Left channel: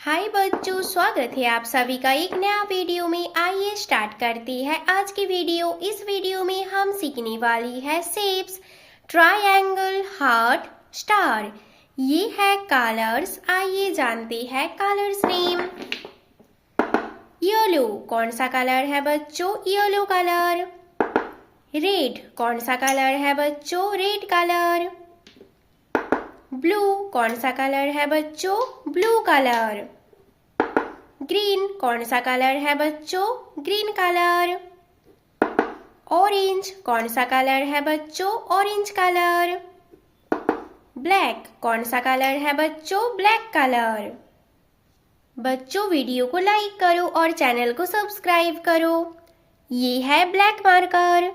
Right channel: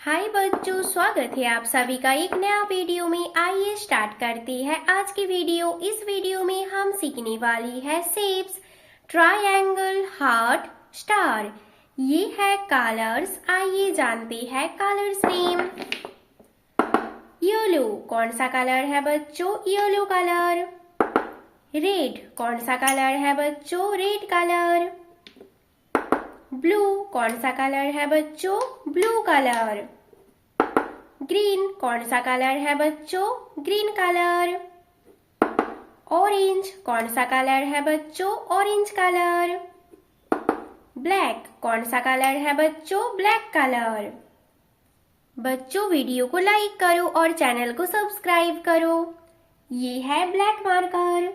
हाय बच्चों, स्वागत है आप सभी का एक नया वीडियो में। आइए स्टार्ट करते हैं आज की वीडियो। इस वीडियो में हम सीखने वाली है शेप्स, ट्रायंगल, हार्ट, स्टार। ये है कलर्स। आइए जानते हैं कलर्स नेम। येलो कौन सा कलर है बच्चों? Yellow colour. रेड कौन सा कलर है बच्चों? Red colour. ब्लू कौन सा कलर है बच्चों? Blue colour. ग्रीन कौन सा कलर है बच्चों? Green colour. ऑरेंज कौन सा कलर है बच्चों? Orange colour. ब्लैक कौन सा कलर है बच्चों? Black colour. बच्चों वीडियो को लाइक करो और चैनल को सब्सक्राइब करो। ये है ब्लैक मार्कर।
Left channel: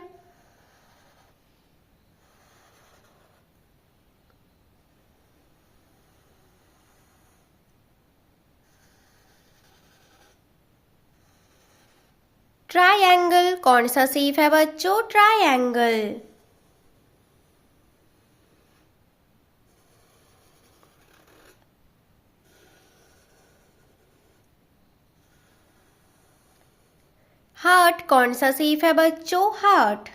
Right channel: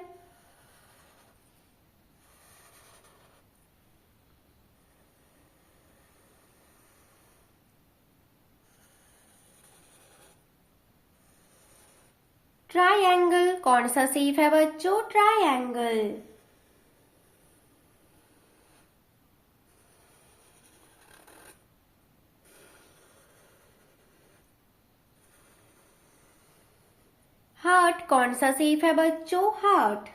ट्रायंगल कौन सा शेप है बच्चों? ट्रायंगल। हार्ट कौन सा शेप है बच्चों? हार्ट।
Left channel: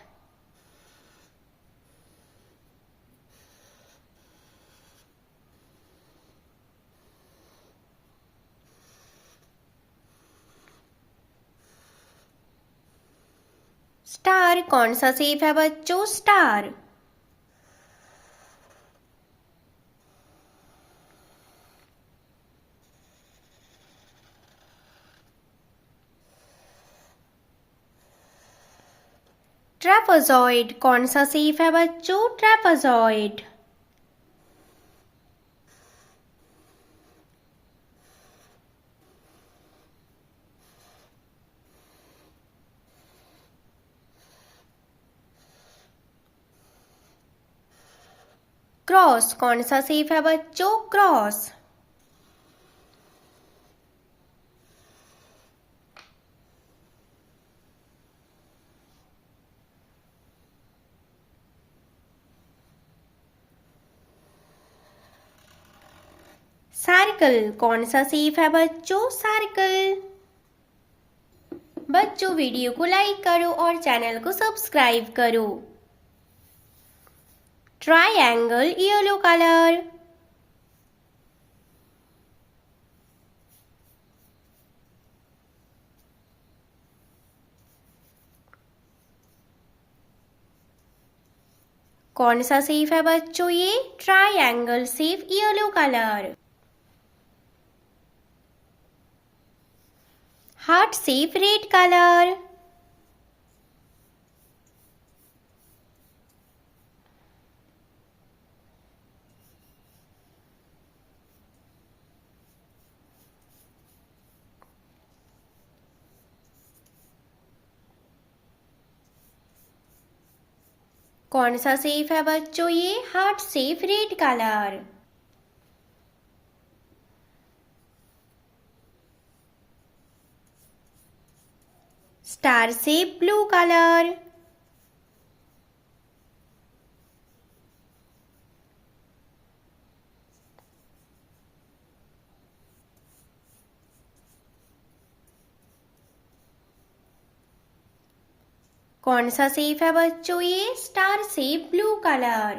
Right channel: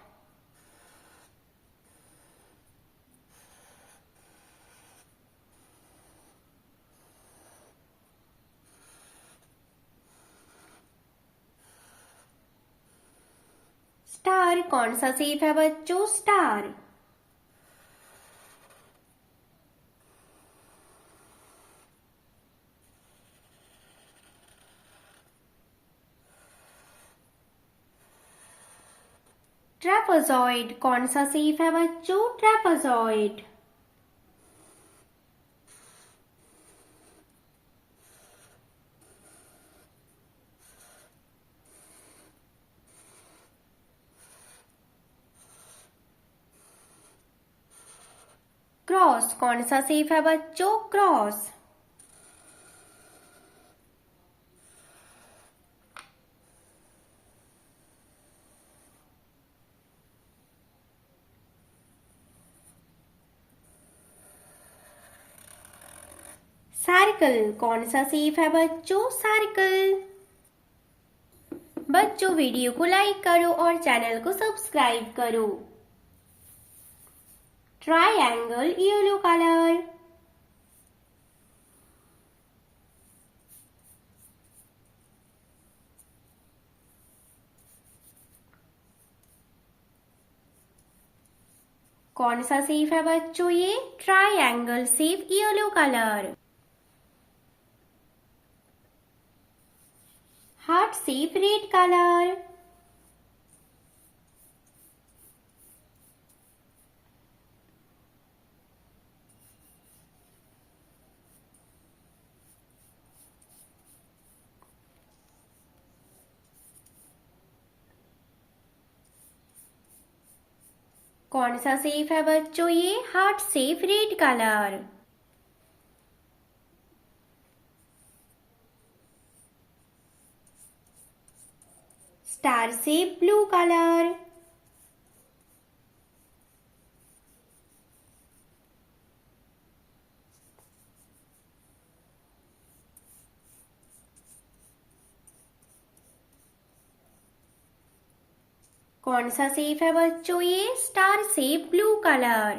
स्टार कौन सा शेप है बच्चों? स्टार। ट्रेपेजॉइड कौन सा शेप है बच्चों? ट्रेपेजॉइड। क्रॉस कौन सा शेप है बच्चों? क्रॉस। सर्कल कौन सा शेप है बच्चों? सर्कल। बच्चों वीडियो को लाइक करो और चैनल को सब्सक्राइब करो। Triangle yellow colour. कौन सा शेप है बच्चों? ये triangle shape yellow colour. Heart shape red colour. कौन सा शेप है बच्चों? ये heart shape red colour. Star shape blue colour. कौन सा शेप है बच्चों? ये star shape blue colour.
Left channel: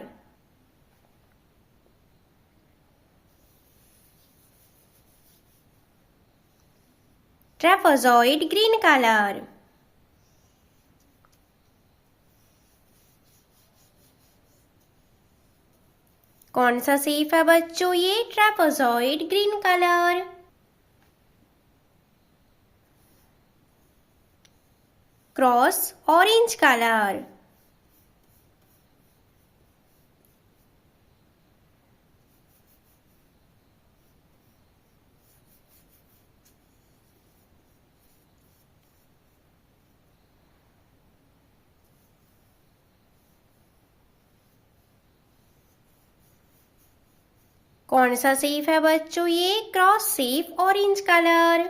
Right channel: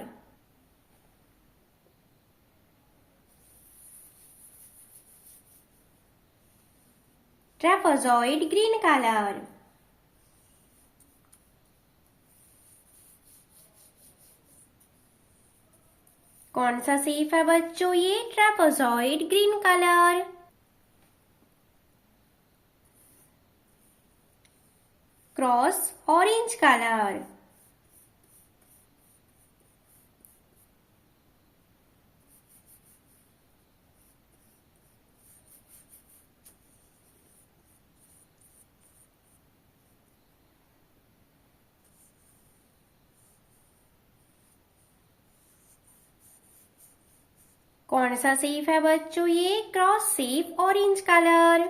Trapezoid green colour. कौन सा शेप है बच्चों? ये trapezoid green colour. Cross orange colour. कौन सा शेप है बच्चों? ये cross shape orange colour.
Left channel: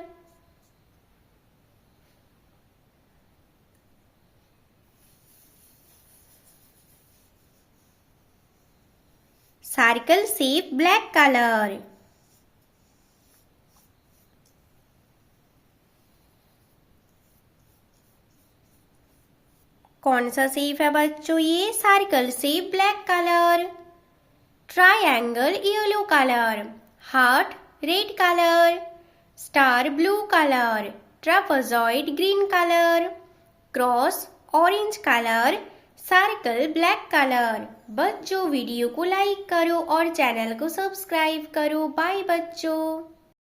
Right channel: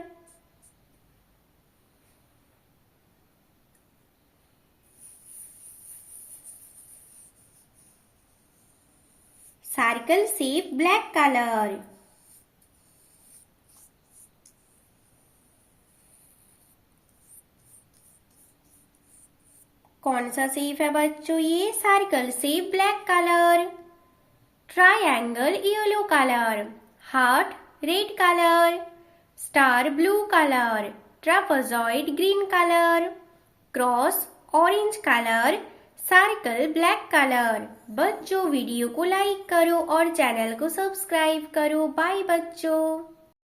Circle shape black colour. कौन सा शेप है बच्चों ये? Circle shape black colour, triangle yellow colour, heart red colour, star blue colour, trapezoid green colour, cross orange colour, circle black colour. बच्चों video को like करो और channel को सब्सक्राइब करो। बाय बच्चों।